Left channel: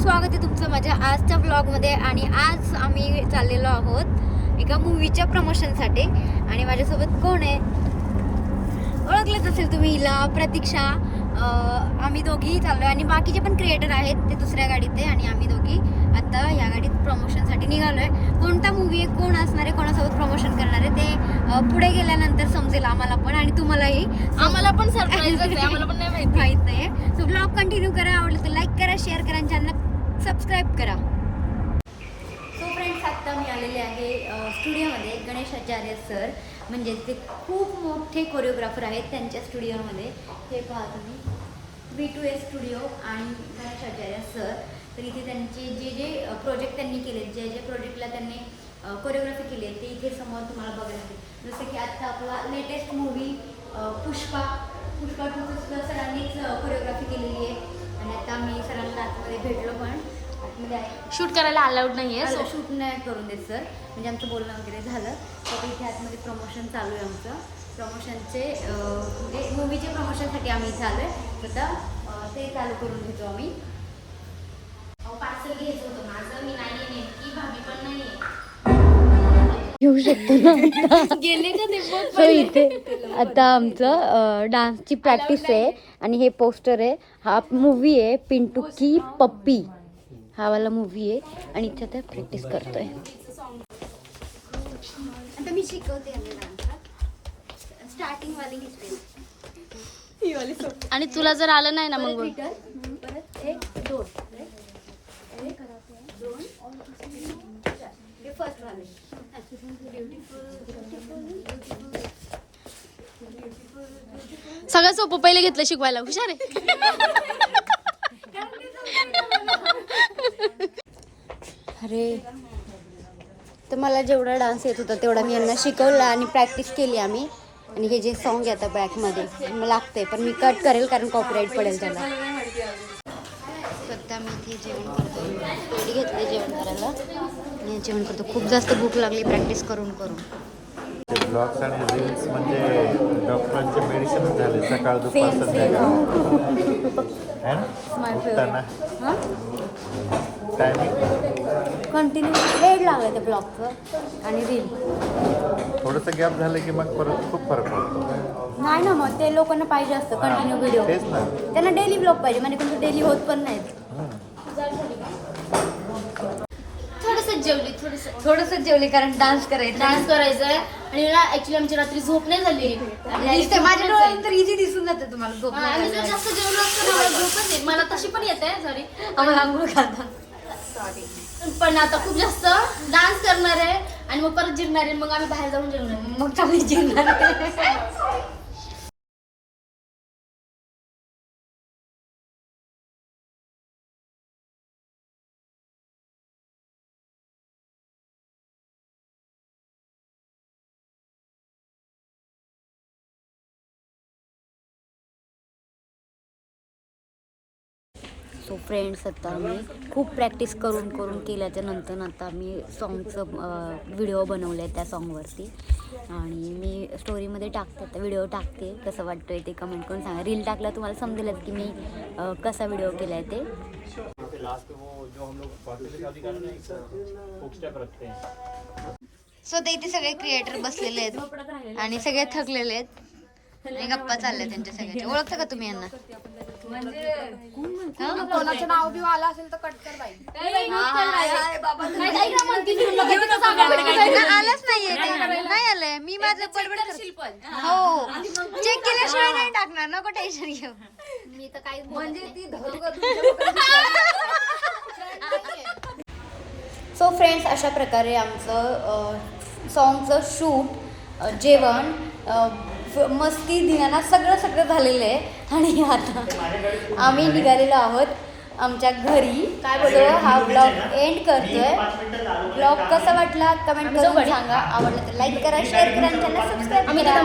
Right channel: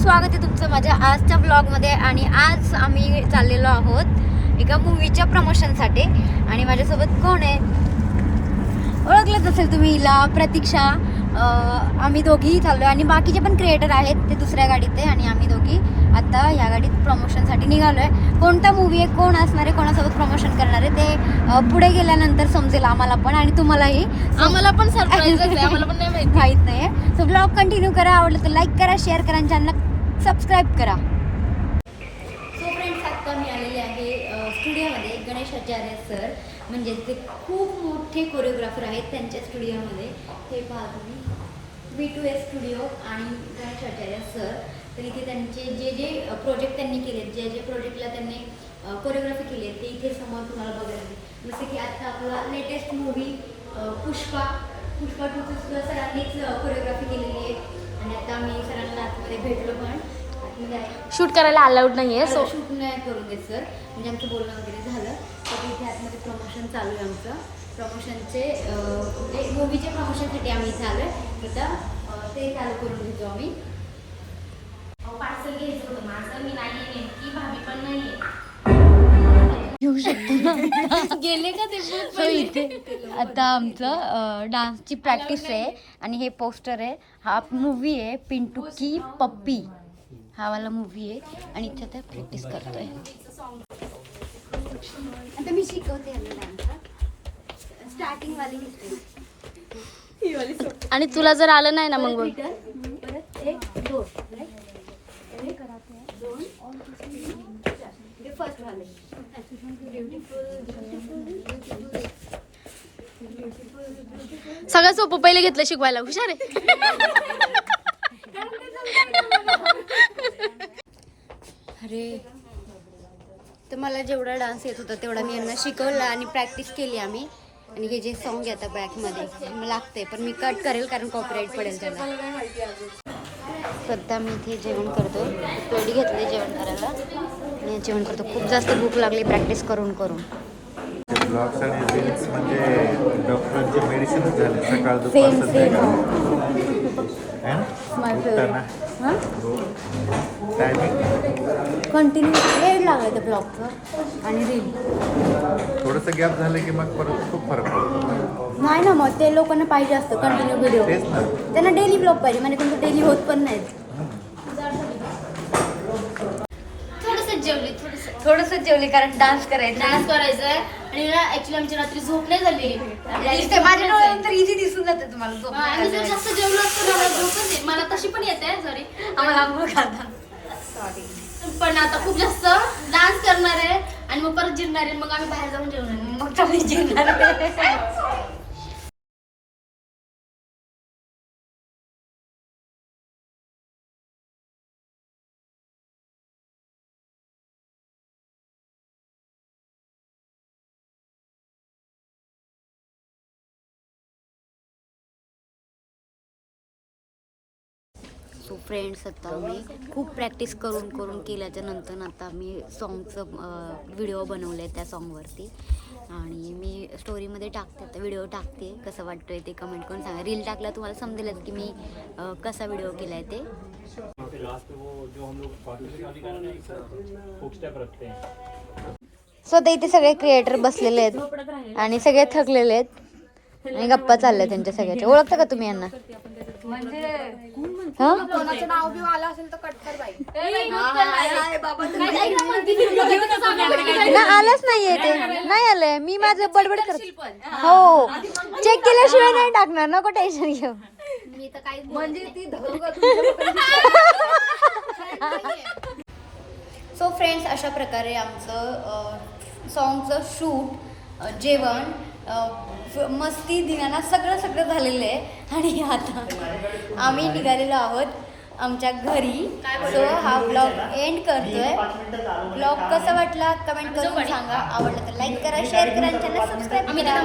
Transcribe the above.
स्वागत आहे तुमचं माझ्या आजच्या ब्लॉगमध्ये. आणि आज आम्ही चाललेलो आहोत एका मूवीच्या प्रमोशनसाठी. आणि माझ्यासोबत कोण आहे ओळखलंच असेल तुम्ही हिला, प्रतीक्षा. आम्ही दोघी चाललो आणि बाकीचे पण क्रिएटर आहेत, ते दुसऱ्या गाडीत आहे आणि आम्ही दोघी आता या गाडीत प्रमोशनसाठी निघालो आहे. कोणता मूवी आहे, कोण असणार आहे, कोणासोबत प्रमोशन करणार आहे ते पुढे गेल्यानंतर समजेल आम्हाला पण आणि तुम्हालाही. आम्हाला पण सरप्राईज आहे, आम्हाला पण नाही माहित नाही. सो ब्लॉग कंटिन्यू करा, आवडलं तर लाईक करा, शेअर करा आणि चॅनलला सबस्क्राईब करा. सो फ्रेंड्स, आत्ता मी आलेले आहे स्टुडिओमध्ये. गणेश आचार्य सर म्हणजे ते खूप मोठे कोरिओग्राफर आहेत, त्यांच्या स्टुडिओमध्ये. हे पहा तुम्ही, V2S स्टुडिओ आणि गणेश आचार्य सर. तर इथे त्यांचे जे जे प्रोजेक्ट त्यांनी केले, जे जे प्रोजेक्टला त्यांनी कोरिओग्राफी केली आहे ते इथे समोर तुम्हाला बघायला मिळेल. जसं की आता आपला लेटेस्ट मूवी पुष्पा 2 सरांनीच कोरिओग्राफी केलेली आहे. आणि आता आम्ही सरांना आतमध्ये भेटलो, पण आतमध्ये शूट करायला अलाउड नाहीये, सो शूट नाही करून देत सर. म्हणजे आमचं बोलणं वगैरे झालं तर इथे आतमध्ये प्रमोशन चालू आहे आमचं. प्रमोशनचे म्हणजे मूवीच्या प्रमोशनसाठी आम्ही इथे आलो आहे. आता ते चालू करून घेतो आम्ही. पार्सल घ्यायचं होतं माझं, मी नाही नेमकी, भाभी पण नाही घेऊ शकतो गेले का ते सो इथे आता आमचं डान्सची प्रॅक्टिस आहे आणि हे पोस्टर आहे. हा मूवी आहे पिंटू की पप्पी, हा वाला मूवी आहे आणि इथे ते प्रॅक्टिस करतोय. आता मी शिकवते डान्स, स्टार्टिंग वाली आणि तुला जर आलं नाही ना मग परत 1 2 2 ते फर्स्ट वाले. सगळं सोपं पहिले घेतलं शिकवायला, हुशार आहे. अरे, तर मला जेवढा डान्स येत होता तेवढा मी यांना शिकवला आणि प्रॅक्टिस केली आम्ही. आणि हे जे सॉन्ग आहे आता बॅकमध्ये मला लागतंय, पण मी कट करेल कारण कॉपीराईट पडेल त्याला. सध्या मी इथे जेवण करतो, पोळी घेतली जेवण करायला आणि जेवण करतो. खूप जास्त भूक लागली प्रॅक्टिस करून करून. सेम सेम माय फेवरेट. हां, कंटिन्यू वेळ लागला त्या ब्लॉगचं आणि रील. थोडंसं गॅप झालं की मग परत खूप फरक पडतो. नाही ना, मग ते लोकांना पाहिजे असतं कंटिन्यू व्हिडिओ. त्यांना डेली ब्लॉग पाहिजे, म्हणजे कोणतं डेली होत पण नाहीत. थोडंसं जेवली कारण डान्स करायचा आहे. आणि ना ऍक्च्युली आमची रात्री झोप नाही झाली. माझ्या डोळ्यात तर इझी दिसून जातं तुम्हाला झोप. आम्ही जर जास्त जेवलो असतो मला झोपच येत. मला तशी पण येत आहे, सॉरी. आम्हाला आंघोळ खाता. पण आता खूप जास्त डान्स करणार आहे आणि मग परत जिरणार आहे, मग आम्ही बाहेर जाऊन जेवणार आहे. मग चांगली जेवणार. सो फ्रेंड्स, आता मी खूप प्रॅक्टिस करून करून केल्याच्या नंतर आता मी सॉन्गचं व्हिडिओ बनवले आहे त्या सॉन्गवरती. आणि मी स्टोरीमध्ये टाकते, आता व्हिडिओ टाकते. कसं वाटतोय ते कमेंट करून सांगा. रील टाकला तुम्हाला समजेलच की मी कसा व्हिडिओ केला आहे ते. सो आता इथे सगळे क्रिएटर बसलेले आहेत आणि सगळे थकलेले आहेत आणि गप्पा चालल्या त्यांच्या सगळ्याच्या. ओळखता का तुम्ही यांना? कोणाचं नाव बिव आलं असेल तर कट कर जाईल. आलंच नाहीये ते, नाही आलंय. मी माझं बडबड करते. हो, चेक केल्याशिवाय नाही टाकणार, नको टेन्शन घेऊ. मी तर काही सो फ्रेंड्स, अशा प्रकारे आमचं सॉन्गचं शूट, जेवण, मस्ती, धिंगाणा सगळं झालेलं आहे. आणि आता आम्ही निघालेलो आहोत आमच्या घरी. सो हा ब्लॉग एंड करतोय. ब्लॉग कसा वाटला कमेंट करून सांगा. आवडलं तर लाईक करा, शेअर करा आणि चॅनल सबस्क्राईब करा.